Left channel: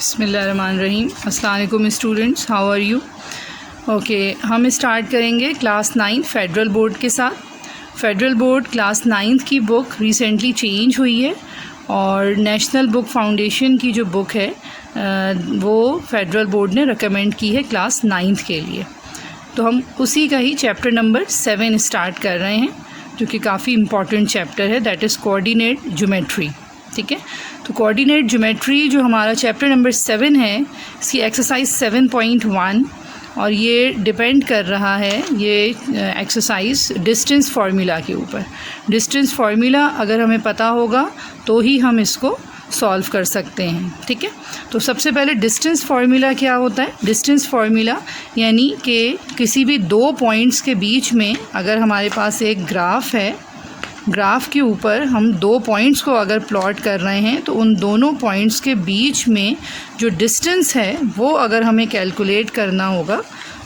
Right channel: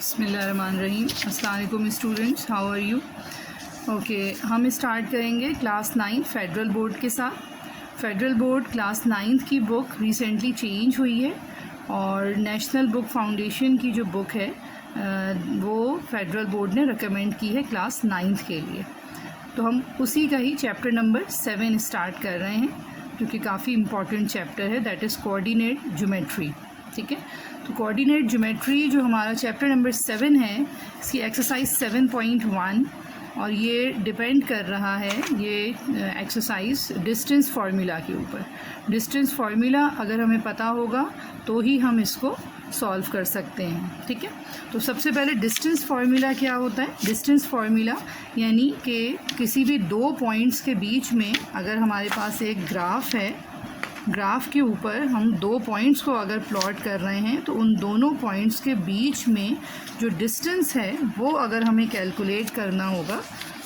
बिस्मिल्लाहिर्रहमानिर्रहीम। अस्सलाम वालेकुम students, how are you? Okay, हम स्टार्ट करेंगे क्लास 9 फेडरल बोर्ड के साथ। फेडरल बोर्ड क्लास 9 की बुक रिसेंटली चेंज हुई है और नेशनल बुक फाउंडेशन की जो बुक है वो फेडरल बोर्ड ने रिकमेंड की है क्लास 9 के लिए। तो हम उसी का ही चैप्टर नंबर 7 स्टार्ट कर रहे हैं, जो कि काफ़ी इम्पॉर्टेंट चैप्टर है, दैट इज़ कोऑर्डिनेट ज्योमेट्री। ठीक है, तो कोऑर्डिनेट ज्योमेट्री जो हमारा चैप्टर नंबर 7 है, इसकी एक्सरसाइज 7.1 और ये डिपेंड कर रहा है ये एक्सरसाइज डिस्टेंस फार्मूला के ऊपर। डिस्टेंस फार्मूला अगर हमें पता होगा तो ही हम इसको सॉल्व कर सकते हैं। ठीक है, तो सबसे पहले डिस्टेंस फार्मूला क्या होता है? डिस्टेंस फार्मूला यानी कि किसी भी दो पॉइंट्स के बीच में अगर हमारे पास एक ग्राफ है, ग्राफ के ऊपर हम दो पॉइंट्स को अगर प्लॉट कर रहे हैं तो उन दोनों पॉइंट्स के बीच में जो डिस्टेंस है वो अगर हमें कैलकुलेट करना होगा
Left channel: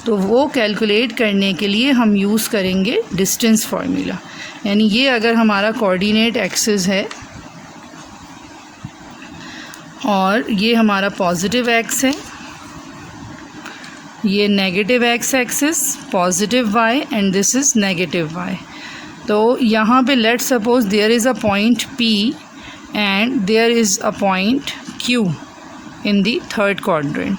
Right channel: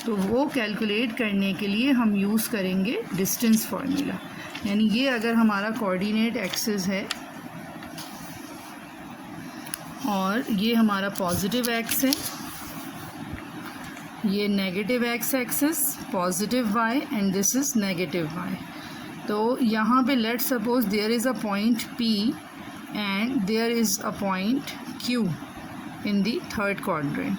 तो वो कैलकुलेट करने के लिए हम यूज़ करेंगे डिस्टेंस फार्मूला। यानी ये अगर हमारा कोऑर्डिनेट एक्सिस है और ये हमारा पॉजिटिव एक्स है, ये negative X axis, positive Y and this is negative Y. तो यहाँ पे let suppose there is a point P and there is a point Q in the third quadrant.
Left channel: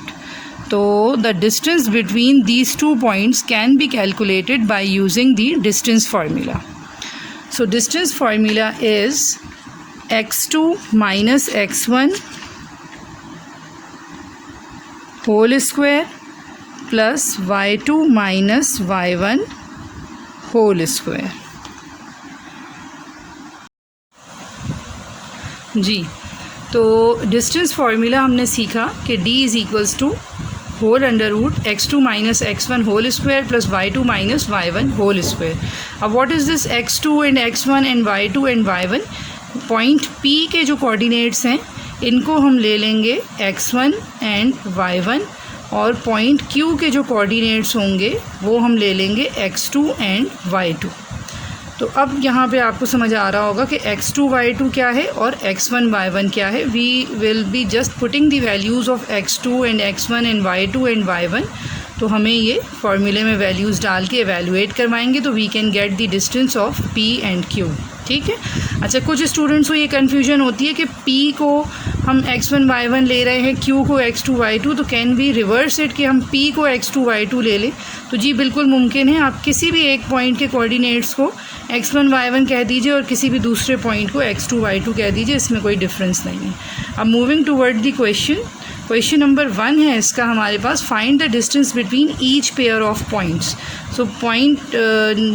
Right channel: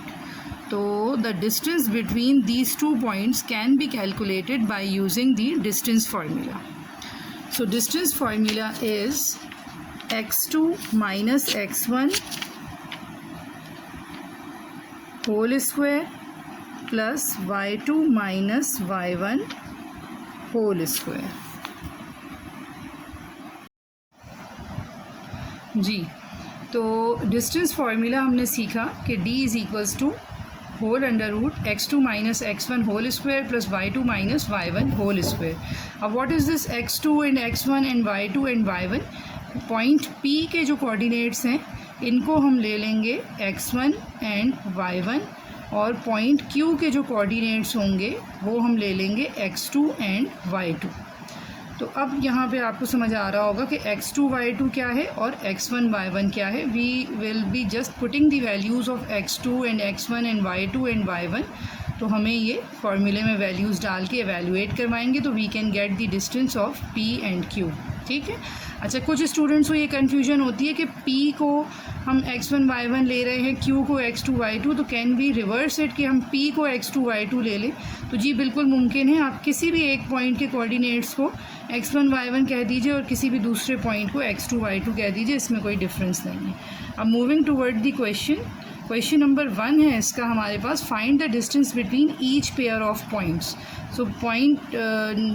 तो the distance between these two points can be calculated by using the distance formula. So distance formula is x2 minus x1 whole square plus y2 minus y1 whole square. जी, तो distance formula हमने सीखा कि d is equals to whole under root x2 minus x1 whole square plus y2 minus y1 whole square. अब what is this x2 and x1 and y2 and y1? Point P के जो coordinates हैं इनको हम ले लेंगे x1 and y1 और point Q के जो कोऑर्डिनेट्स होंगे वो हम ले लेंगे x2 एंड y2। तो अब यहाँ पे आपको समझ आ रहा होगा कि x2 y2 क्या है और x1 y1 क्या है। We will be just putting the values of x2 and x1 and y2 and y1। तो हमें ये फार्मूले में वैल्यूज़ डाल के एवेलुएट करवाएंगे तो we can get the distance of P and Q। ठीक है, अच्छा, कुछ स्टूडेंट्स को ये कन्फ्यूजन होती है कि P को हम x1 y1 ले रहे हैं, Q को x2 y2, तो कैन वी रिवर्स इट कि हम P को x2 y2 ले लें? तो जी बिल्कुल मुमकिन है। आप किसी भी एक पॉइंट के कोऑर्डिनेट्स को x1 y1 कह दीजिए और किसी भी दूसरे पॉइंट को x2 y2 कह दीजिए, इसमें कोई डिफरेंस नहीं है। अब moving toward the question number 1 है इसका हमारे पास, find the distance between each pair of points. So point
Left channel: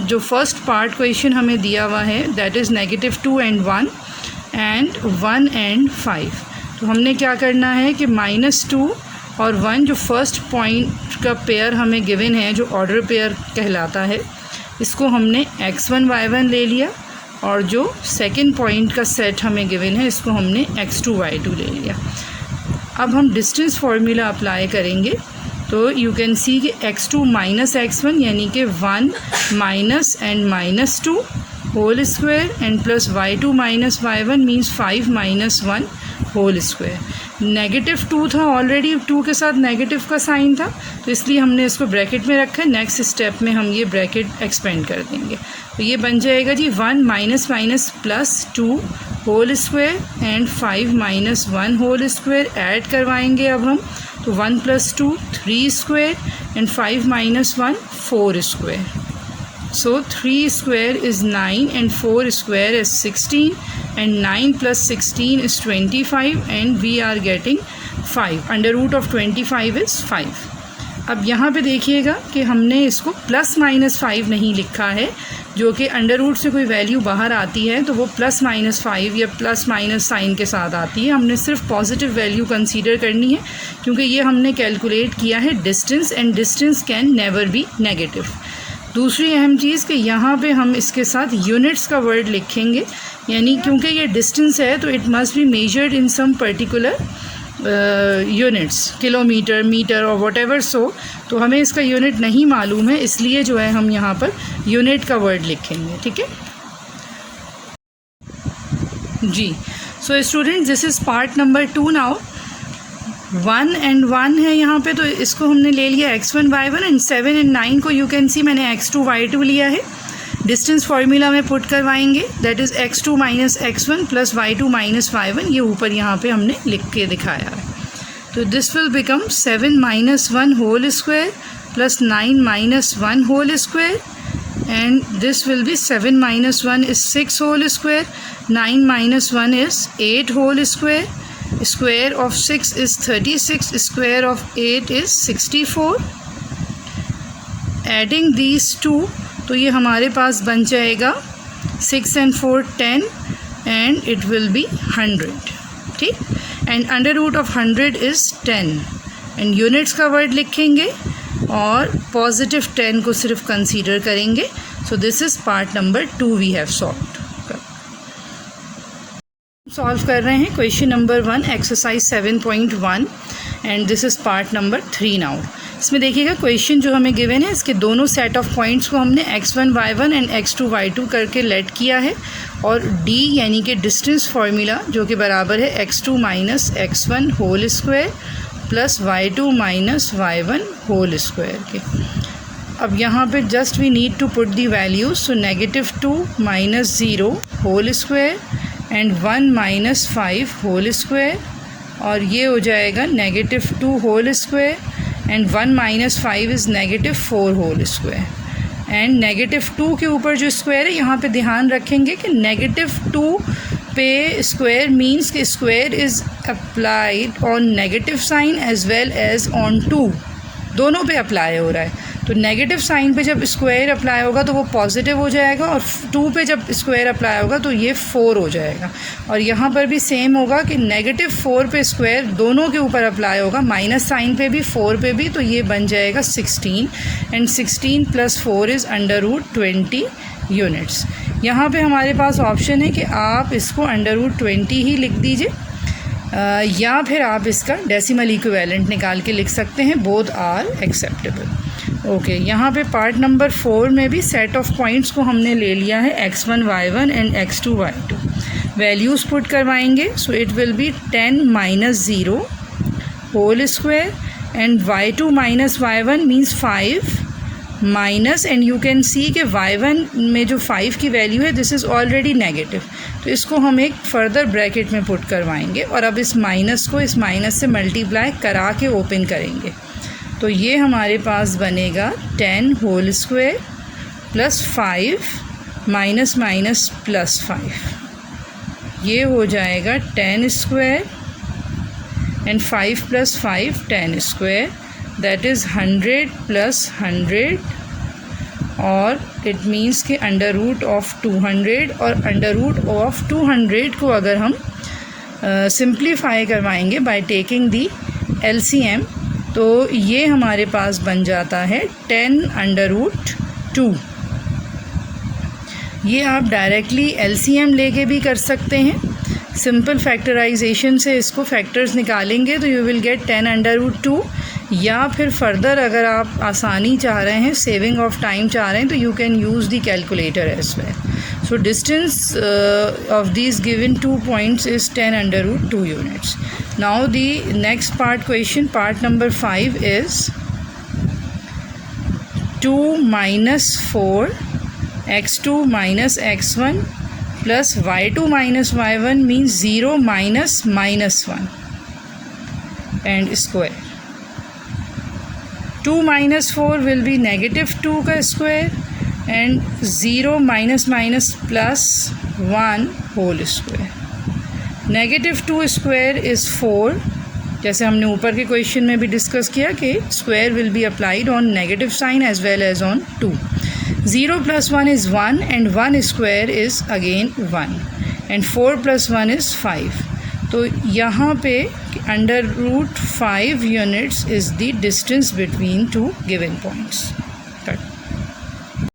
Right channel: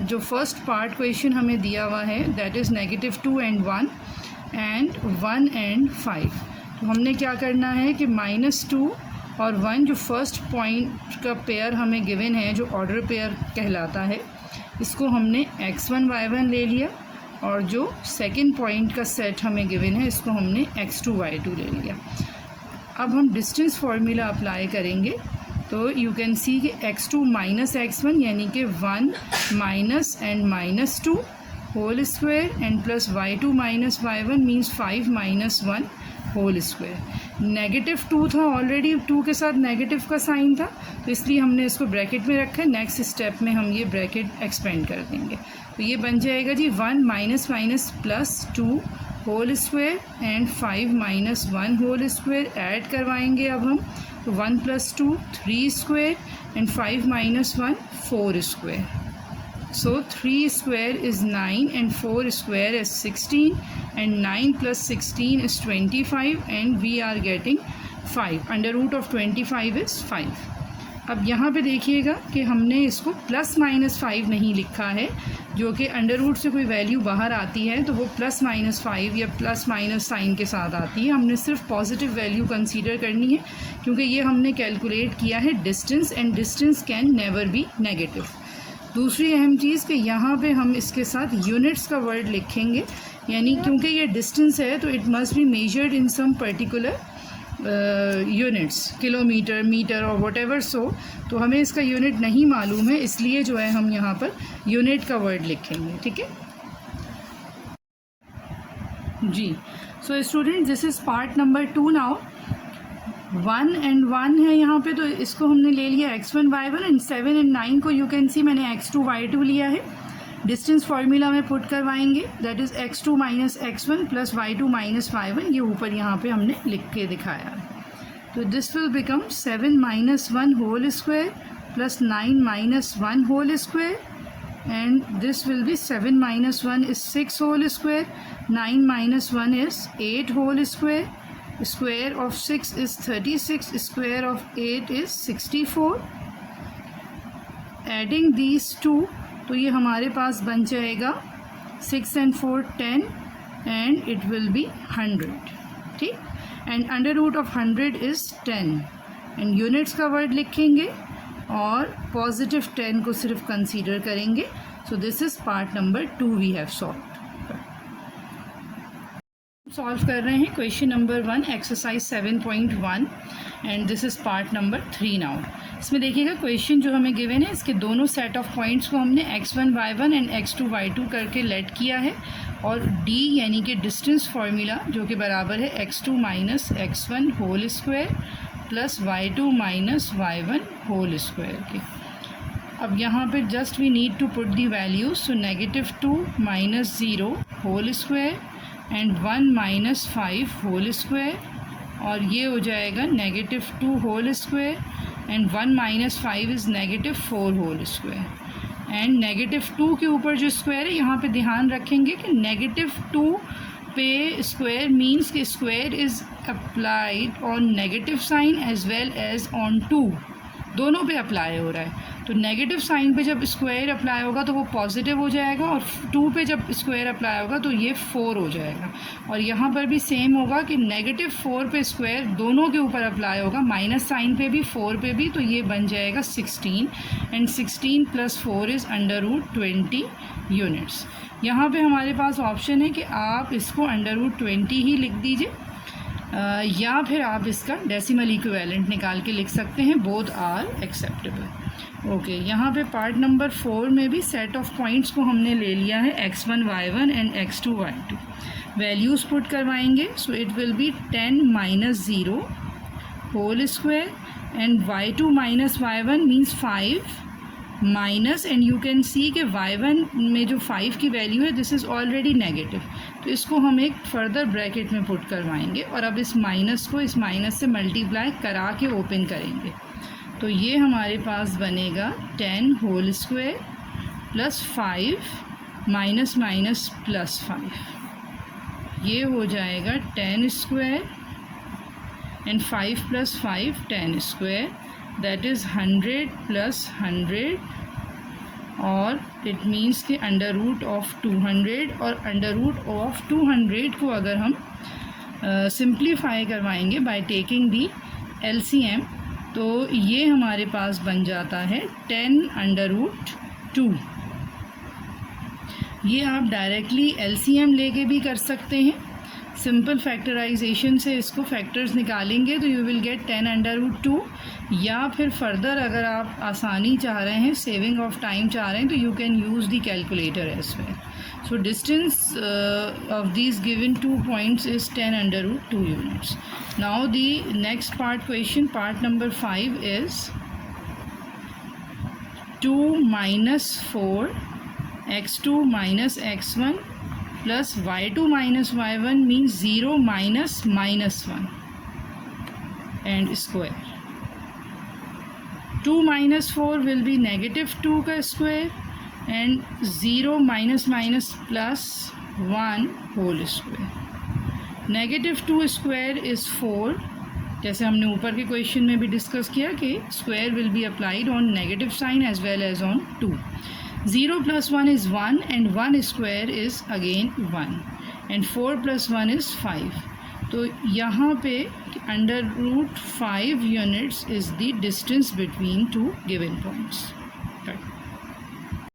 जो फर्स्ट पार्ट क्वेश्चन हमें दिया हुआ है that is -2 and 1 and 1 and 5। तो हमने क्या करना है कि -2 और 1 जो फर्स्ट पॉइंट का पेयर हमें गिवन है, जो ऑर्डर पेयर कहलाता है, इसको हमने x1 y1 ले लिया और जो सेकंड पॉइंट का सेट हमें गिवन है इसको हमने x2 y2 ले लिया। अब हम डिस्टेंस फार्मूला अप्लाई करेंगे तो यू कैन सी कि x2 माइनस x1 यानी कि 1 minus and -2 whole square and plus y2 minus y1 means 5 minus 1 whole square. -2 था ऑलरेडी, 2 के साथ नेगेटिव का साइन था तो इसलिए हमने इसको ब्रैकेट में रखा है। नेक्स्ट स्टेप में हम ये ब्रैकेट एक्सपेंड कर देंगे तो ये बन जाएगा जी 1 minus minus plus 2 whole square and 5 minus 1 whole square. Add करवाएंगे अब हम तो 1 plus 2 3 square and 5 minus 1 4 square. So 3 square is 9 and 4 square is 16 and 9 plus 16 is 25 and we are getting 5. Under root of 25 is 5. अब यहाँ पे देखिएगा कि हमने इसको प्लस माइनस 5 नहीं लिखा है, जो कि अंडर रूट से कोई वैल्यू बाहर आती है तो वो प्लस माइनस 5 या प्लस माइनस साइन के साथ आती है। हमने सिर्फ पॉजिटिव वैल्यू कंसीडर करनी है क्योंकि ये हमने कैलकुलेट किया है distance and distance can never be negative. दूसरी अहम चीज़ कि यहाँ पे हम इसके साथ यूनिट्स का वर्ड लिखेंगे, यानी क्योंकि ये डिस्टेंस है तो it must be measured in some particular units, kilometre, metre और व्हाटएवर सो। तो हमें इसका यूनिट नहीं मालूम है, इसलिए जो है हम यहाँ पर यूनिट का वर्ड लिखेंगे। ठीक है जी, so student this is part number 2 now. 1 and 1 है यहाँ पे, तो इसको हमने ले लिया x1 y1 एंड 7 and 9 को यू कैन सी मैंने x2 y2 लिया है। डिस्टेंस फार्मूला में पुट करवाएंगे, that is x2 minus x1 plus y2 minus y1, ये ऊपर यहाँ पे हमने लिख के दिखाया है। तो this will become 7 minus 1 whole square plus 9 minus 1 whole square, and this will be 7 minus 1 is 6 whole square, 9 minus 1 is 8 whole square, square of 6 is 36, square of 8 is 64. Adding these two, तो ये हमारे पास बन जाएगा 6 and 4 10 and it will be 100, ठीक। and under root of 100 is 10 and units का word लिखेंगे और positive 10 को सिर्फ कंसीडर करेंगे। So this is part number 2 we have solve कर रहे हैं question number 1 exercise 7.1 and this is part number 3 now. इसमें देखिएगा क्वेश्चन जो हमें गिवन है, इसके दोनों सेट ऑफ पॉइंट्स को हमने x1 y1 and x2 y2 करके लेट किया है और d यानी कि डिस्टेंस फार्मूला जो कि बराबर है x2 minus x1 whole square plus y2 minus y1 whole square के। अब यहाँ पे just we need to put the values, so -2 minus 0 whole square and 1 minus 5 whole square, और ये हो जाएगा -2 whole square and 1 minus 5 is -4 whole square and -2 के ऊपर जो स्क्वायर है यहाँ पे ध्यान रखेंगे कि -2 पे स्क्वायर मीन्स कि square is applied on negative sign as well as on 2, दोनों पे अप्लाई हो रहा है। तो नेगेटिव साइन पे जब स्क्वायर अप्लाई होगा तो वो पॉजिटिव हो जाएगा और 2 पे जब स्क्वायर अप्लाई होगा तो ये 4 हो जाएगा। और यहाँ पर भी सेम होगा कि -4 पे स्क्वायर दोनों के ऊपर अप्लाई होगा, माइनस साइन पे भी 4 पे भी, तो ये बन जाएगा 16 एंड 16 + 4 इज़ √20 यूनिट्स। यहाँ पे हमारे पास ऑप्शन है कि आप इसको √20 ही लिख दीजिए या फिर आप इसका डेसिमल इक्विवेलेंट निकाल के लिख सकते हैं, बोथ आर एक्सेप्टेबल। ओके, यहाँ पे पार्ट नंबर 4 में भी सेट ऑफ पॉइंट्स को हमने ले लिया है x1 y1 and x2 y2। Values put करवाएंगे, so it will be 10 minus 0 whole square and y2 minus y1 means 5 minus, and you can see कि y1 में जो 5 की वैल्यू है दिस इज़ ऑलरेडी नेगेटिव, तो इसको हम एक फर्दर ब्रैकेट में पुट करवाएंगे और अब इस माइनस को इस माइनस से मल्टीप्लाई करा के ओपन करेंगे। तो ये हमारे पास बनेगा 10 whole square plus 5 minus minus plus 5, ये हो जाएगा 10 square and 5 + 5 10 square, that is 100 + 100 और इट मीन्स कि √200 और √200 को अगर हम सिंप्लीफाई करवाएंगे बाय टेकिंग दी LCM तो ये हमारे पास बन जाता है 10√2। ये आप डायरेक्टली LCM लेके भी कर सकते हैं, सिंपल फैक्टराइजेशन से इसको फैक्टर्स निकालेंगे तो यू विल गेट 10√2, या फिर फर्दर अगर आप आसानी चाह रहे हैं, सेविंग ऑफ टाइम चाह रहे हैं, तो you can use the calculator as well. So distance of these given 2 points is 10√2 units. Now the next part question, part number 5 is 2 - 4 x2 - x1 plus y2 minus y1 means 0 minus -1 and square. 2 - 4 will be -2 का square and 0 minus minus plus 1 whole square. -2 square is 4, जैसे हमने ऊपर के question में भी discuss किया कि square will be applied on negative sign as well as on 2. 0 + 1 is 1 and 1 square is again 1 and 4 + 1 is 5. तो यहाँ पे √5 units is the distance between two given points.